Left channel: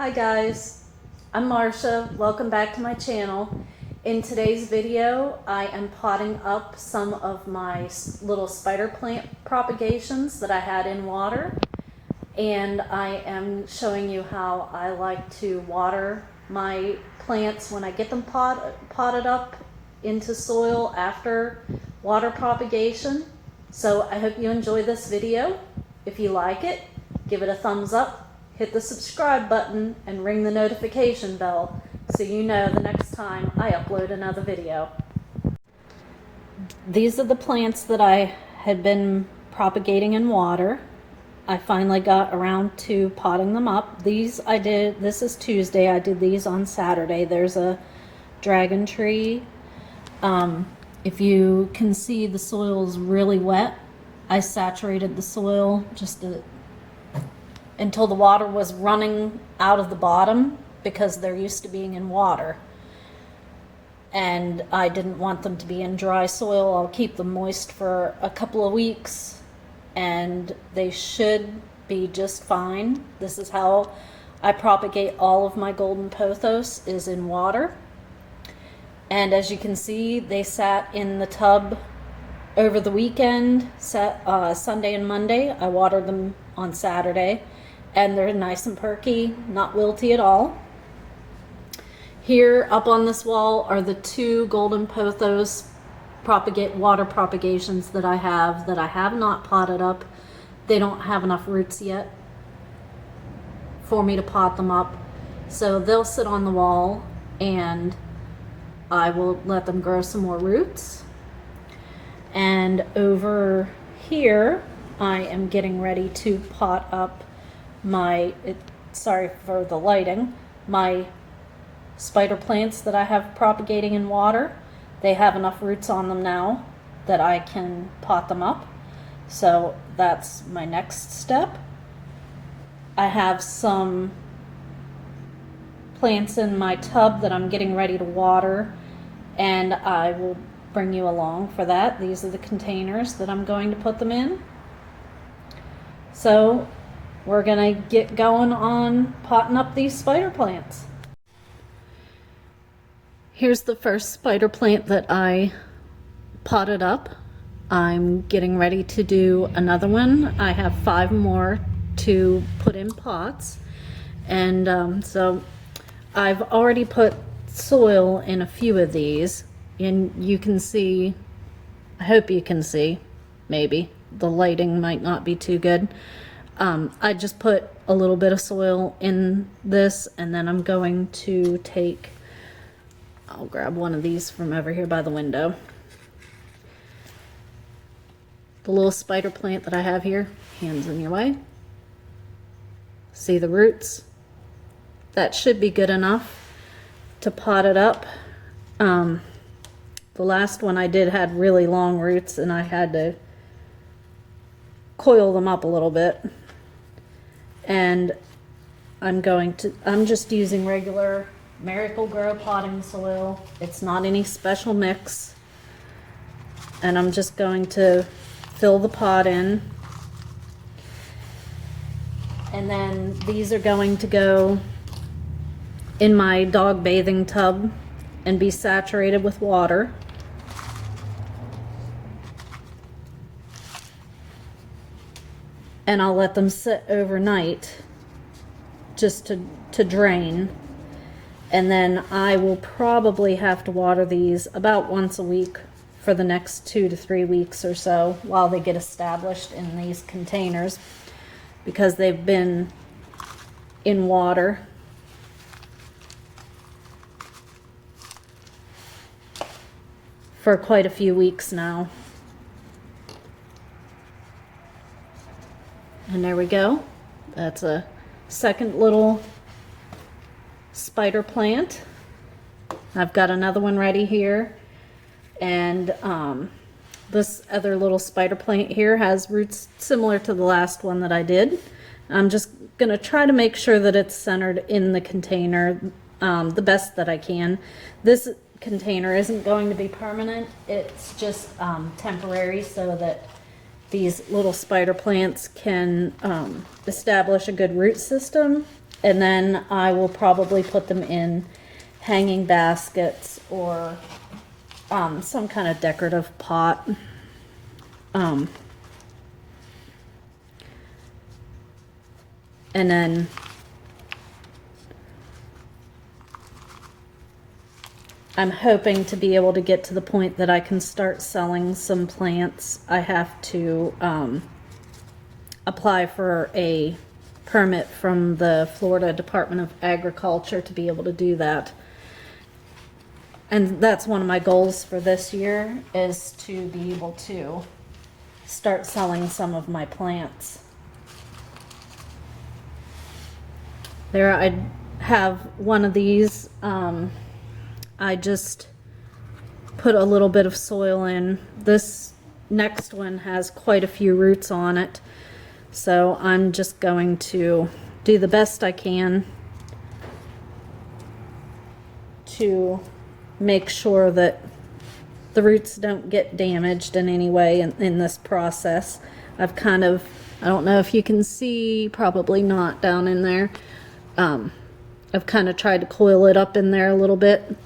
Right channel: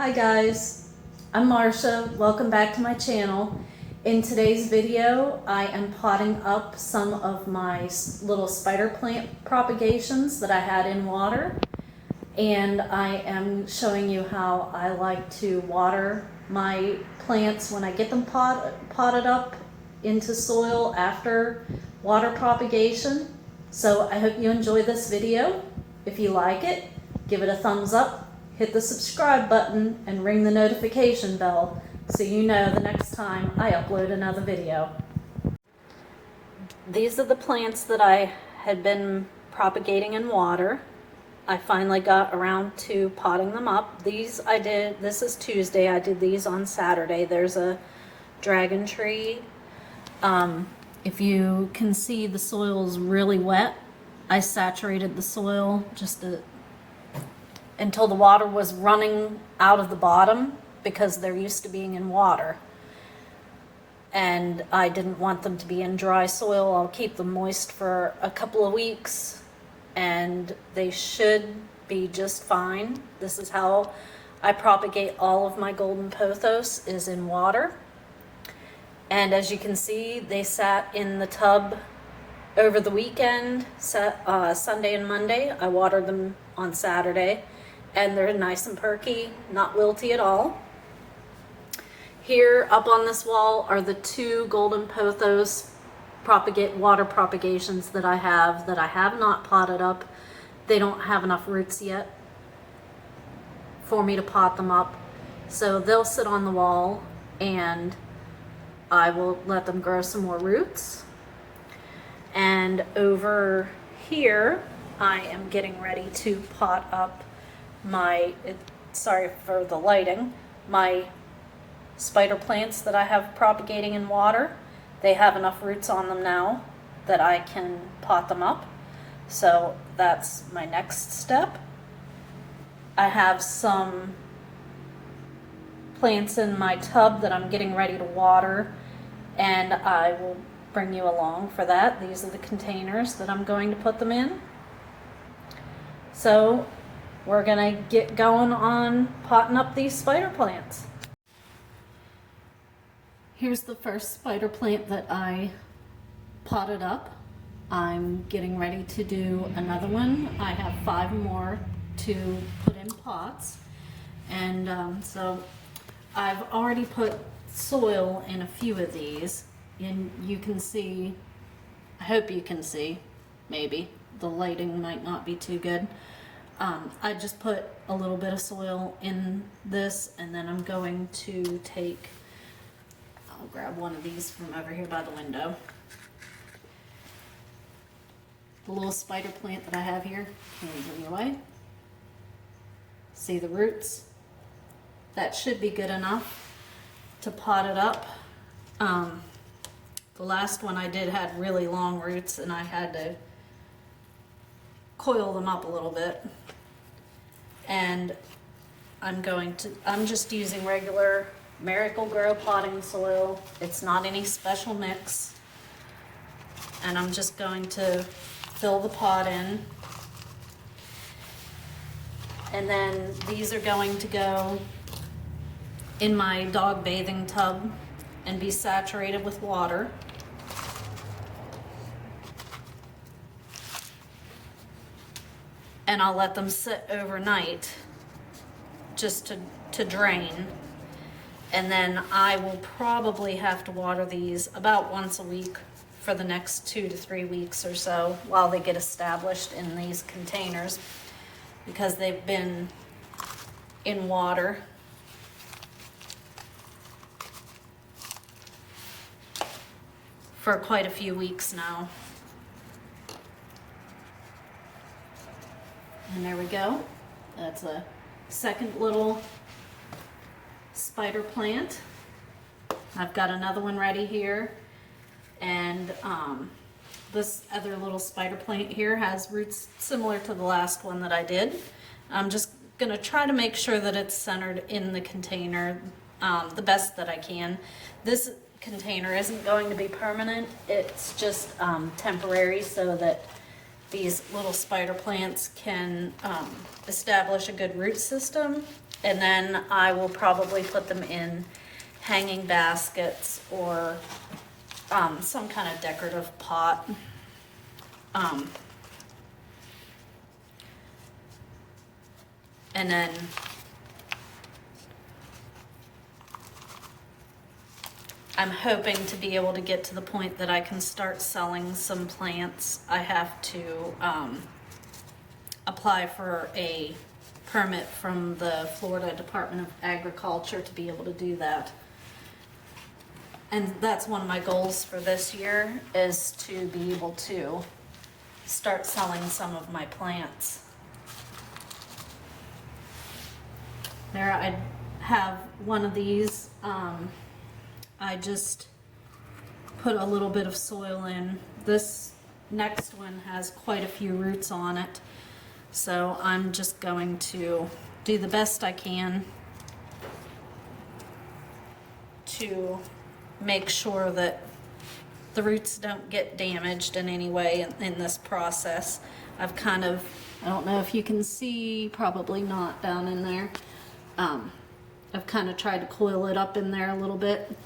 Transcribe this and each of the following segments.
Hi guys, I'm Marsha. Welcome back to my channel. In today's video, I am potting up some of my little spider plant propagations that I had in water, and I am showing you how I like to water my plants when I get them potted up into soil after water propagation. So I hope you enjoy this video. If you like it, give it a thumbs up. Hit the subscribe button and ring the notification bell so you know the next time I upload another video. These are the plants that I had been propagating in water. I finally got around to potting them up. This is Tuesday, I did these on Saturday. There's a dragon tree. If you can see, the soil is really wet. I saturated the soil until the water was running out of the bottom because they're used to being in water. And I didn't want them to be in dry soil. I'll keep them moist for a couple of weeks and they should be just fine. This is how I propagate all of my golden pothos, is in water. And as you can see, they sat in the tub over the weekend, Sunday and Monday. I watered them on Saturday. And they're nice and perky, not wilty at all. Here up on this wall are the two golden pothos water propagations that I have not potted up. They don't have enough roots yet for me to pot them up. So they'll sit on the wall and I will let them grow some more roots. And over here, I am getting ready to pot up sorry for the lighting, my spider plants that I have propagating in water. They have enough roots on them now that I can pot them up. So that's my next step. I have some plants in my tub that I'm getting ready to water, and I will bring you along for that. These are the containers that I'm going to put them in. So we're gonna get going on potting up these spider plants. Here's the first spider plant that I potted up. I'm getting ready to do another one. I have 5 more to put in pots. And so I've already put soil in a few of these, and you can see, I hope you can see, maybe. The lighting might not be too good. I just put a little bit of soil in this, and then I'm going to I'll grab one of these from over here by the window. The little spider plant that I have here, hands in your way. See the roots? That should be good enough to pot it up. The last one I did had really long roots and I had to coil them up a little bit. And I'm just using regular Miracle-Gro potting soil. It's not any special mix. And I'm just going to fill the pot in. And then these are going to go in my dog bathing tub and be saturated with water. And I'll let them sit overnight just to drain. And then I will probably have to water these about once a week for the next 2 to 3 weeks or so while they get established in these containers, because they've been in water for quite a few weeks now. And there we go. That's a second little spider plant. I've got another one ready here. And this other little spider plant here has roots similar to the last one that I did. I'm just going to try to make sure that it's centered in the container the best that I can. This container isn't going to be permanent. It's just temporary so that these little spider plants can establish a good root system, and then I will probably put them in hanging baskets or some kind of decorative pot. And then I'm hoping to be able to get to the point that I can start selling some plants. I have to apply for a permit from the Florida Department of Agriculture to be able to do that. And that's one of my goals for this year, is to be able to start selling some of my plants. There, I have one of these. I just put a little bit of soil in. This next one has quite a few roots on it, so I'm just going to do the best I can to make sure that the roots don't get damaged in any way in this process. I've kind of, I don't know if you can see, probably not down in there. I've kind of tried to coil it up in there a little bit.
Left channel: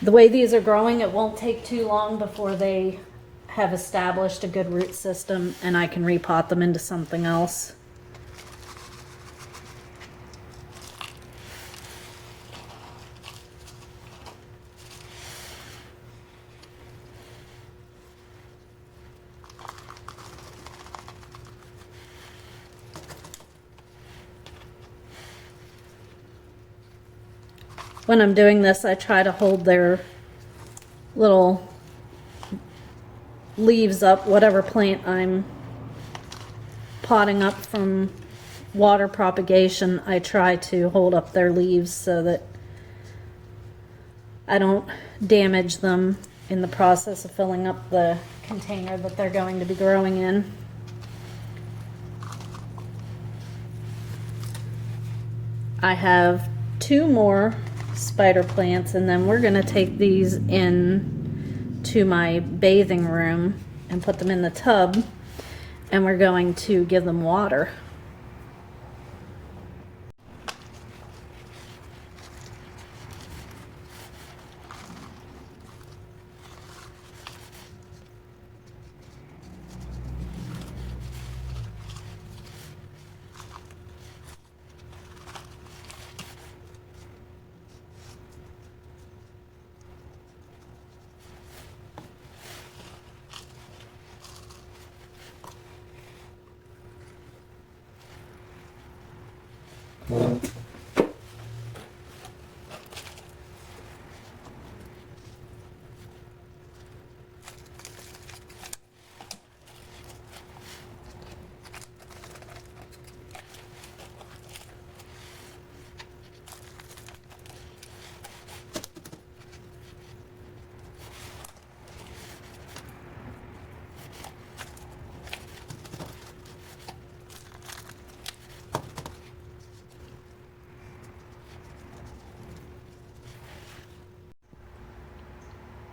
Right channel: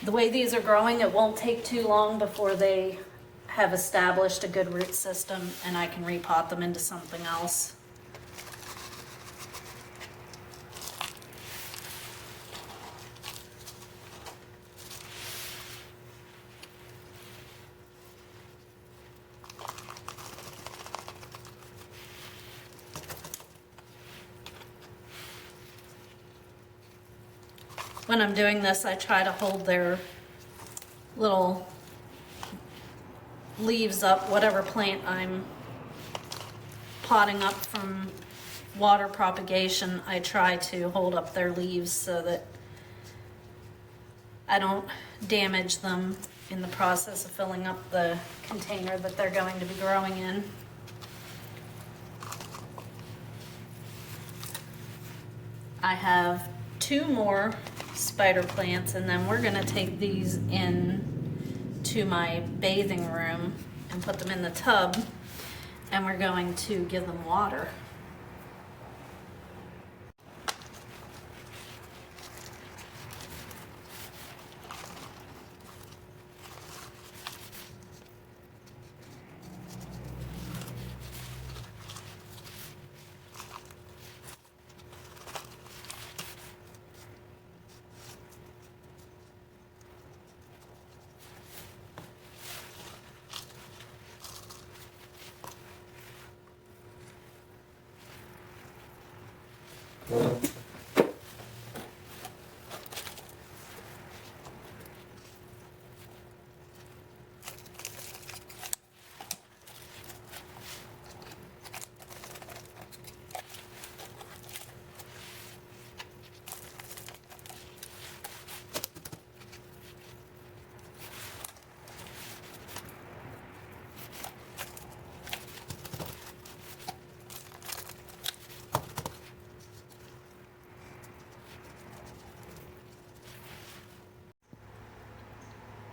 The way these are growing, it won't take too long before they have established a good root system and I can repot them into something else. When I'm doing this, I try to hold their little leaves up, whatever plant I'm potting up from water propagation. I try to hold up their leaves so that I don't damage them in the process of filling up the container that they're going to be growing in. I have 2 more spider plants, and then we're going to take these in to my bathing room and put them in the tub, and we're going to give them water.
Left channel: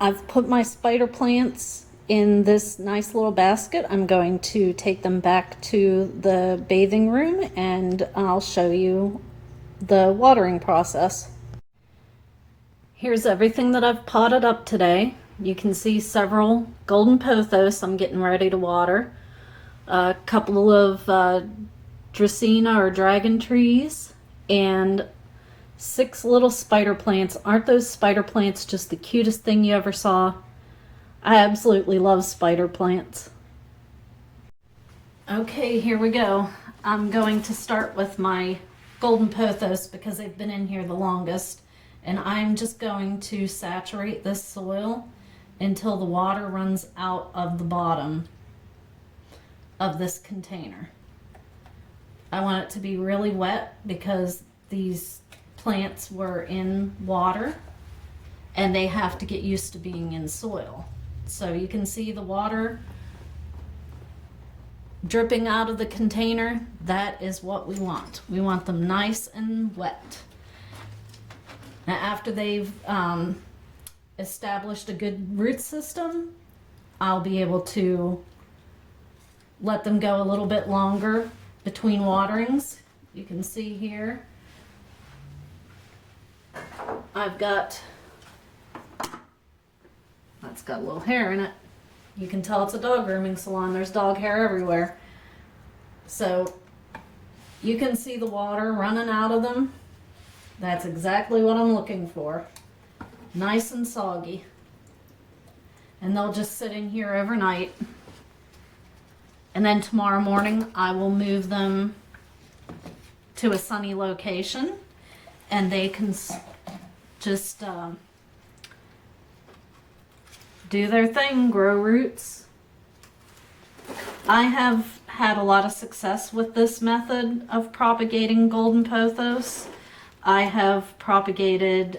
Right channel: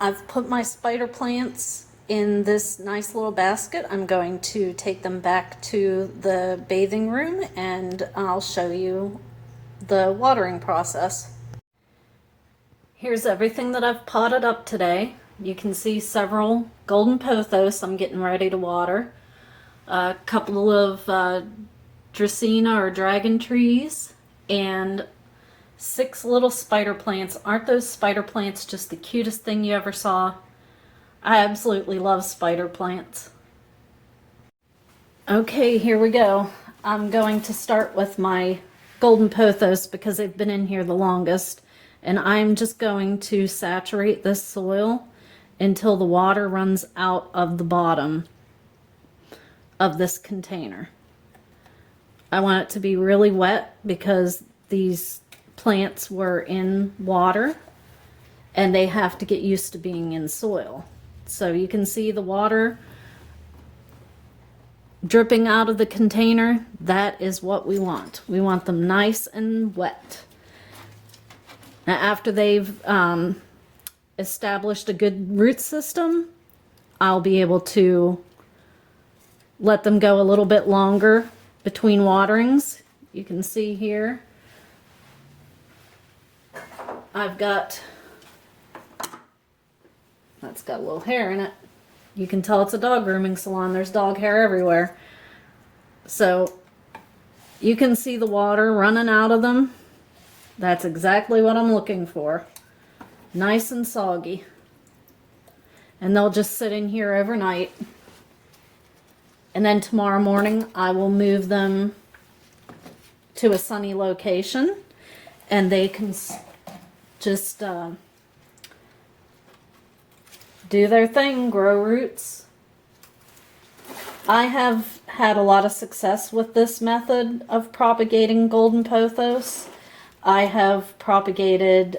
I've put my spider plants in this nice little basket. I'm going to take them back to the bathing room and I'll show you the watering process. Here's everything that I've potted up today. You can see several golden pothos I'm getting ready to water. A couple of Dracaena or dragon trees, and 6 little spider plants. Aren't those spider plants just the cutest thing you ever saw? I absolutely love spider plants. Okay, here we go. I'm going to start with my golden pothos because they've been in here the longest, and I'm just going to saturate this soil until the water runs out of the bottom of this container. I want it to be really wet because these plants were in water and they have to get used to being in soil. So you can see the water dripping out of the container. That is what we want. We want them nice and wet. Now, after they've established a good root system, I'll be able to let them go a little bit longer between waterings. You can see here I've got, that's got a little hair in it. You can tell it's a dog grooming salon. There's dog hair everywhere. So you can see the water running out of them. That's exactly what I'm looking for. Nice and soggy. And they'll just sit in here overnight. And then tomorrow morning I will move them to a sunny location and they can just do their thing, grow roots. I have had a lot of success with this method of propagating golden pothos. I have propagated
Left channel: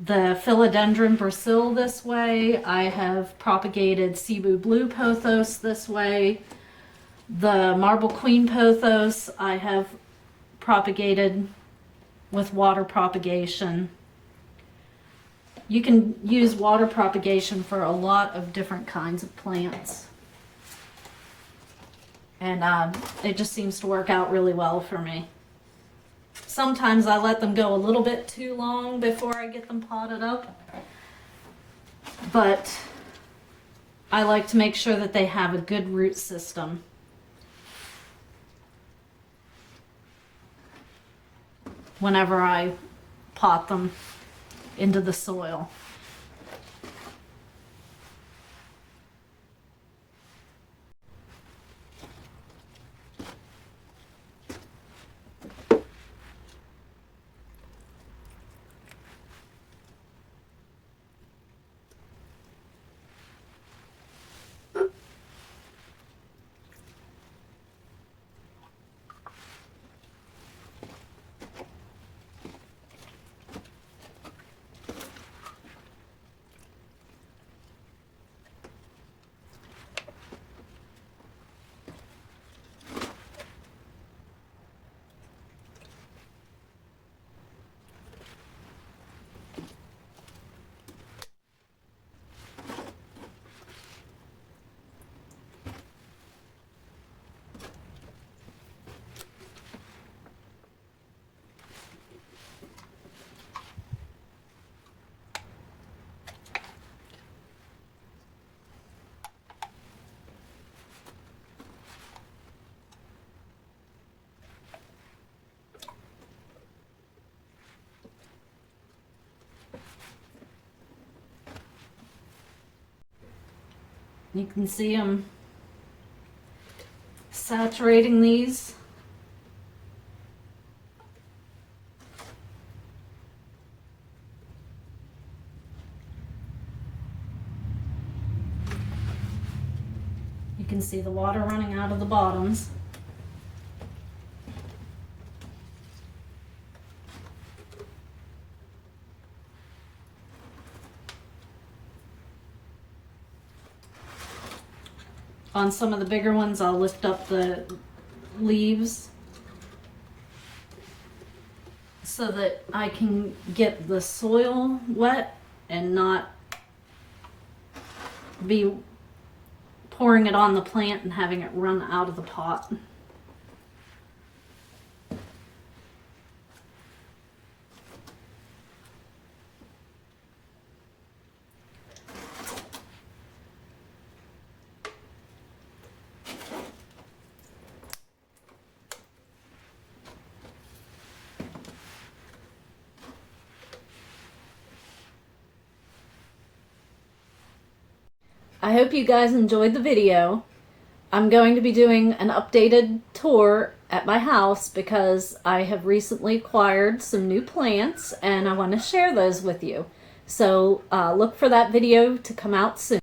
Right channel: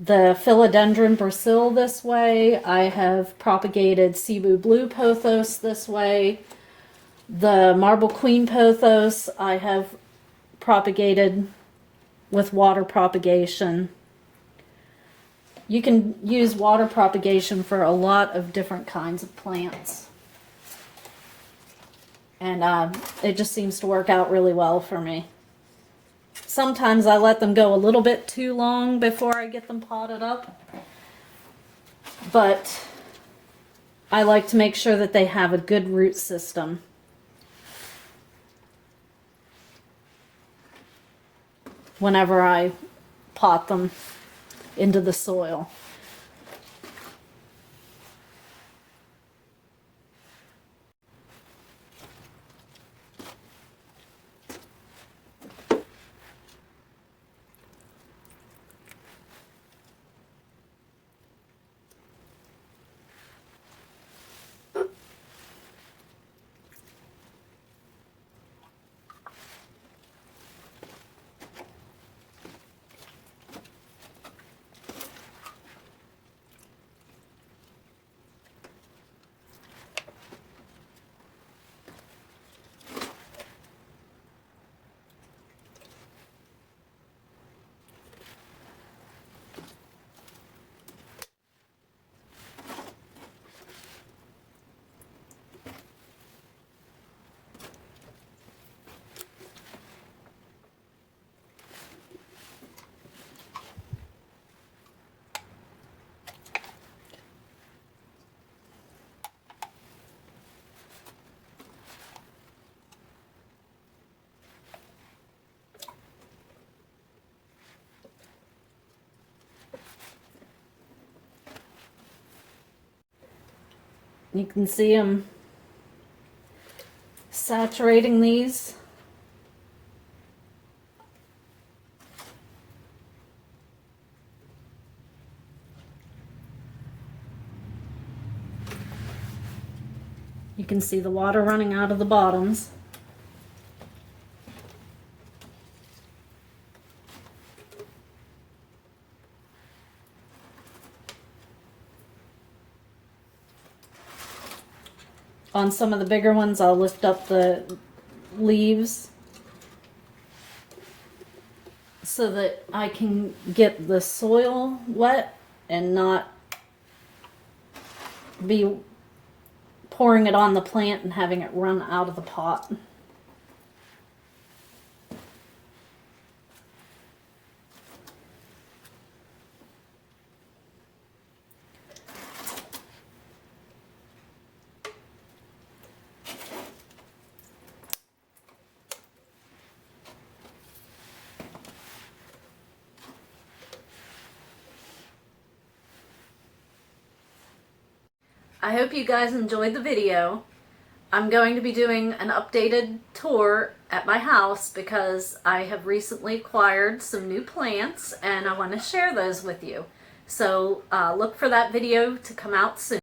the philodendron Brazil this way. I have propagated Cebu blue pothos this way. The marble queen pothos I have propagated with water propagation. You can use water propagation for a lot of different kinds of plants. And it just seems to work out really well for me. Sometimes I let them go a little bit too long before I get them potted up. But I like to make sure that they have a good root system. Whenever I pot them into the soil. You can see them saturating these. You can see the water running out of the bottoms. On some of the bigger ones, I'll lift up the leaves so that I can get the soil wet and not be pouring it on the plant and having it run out of the pot. I hope you guys enjoyed the video. I'm going to be doing an updated tour at my house because I have recently acquired some new plants and I want to share those with you. So look for that video to come out soon.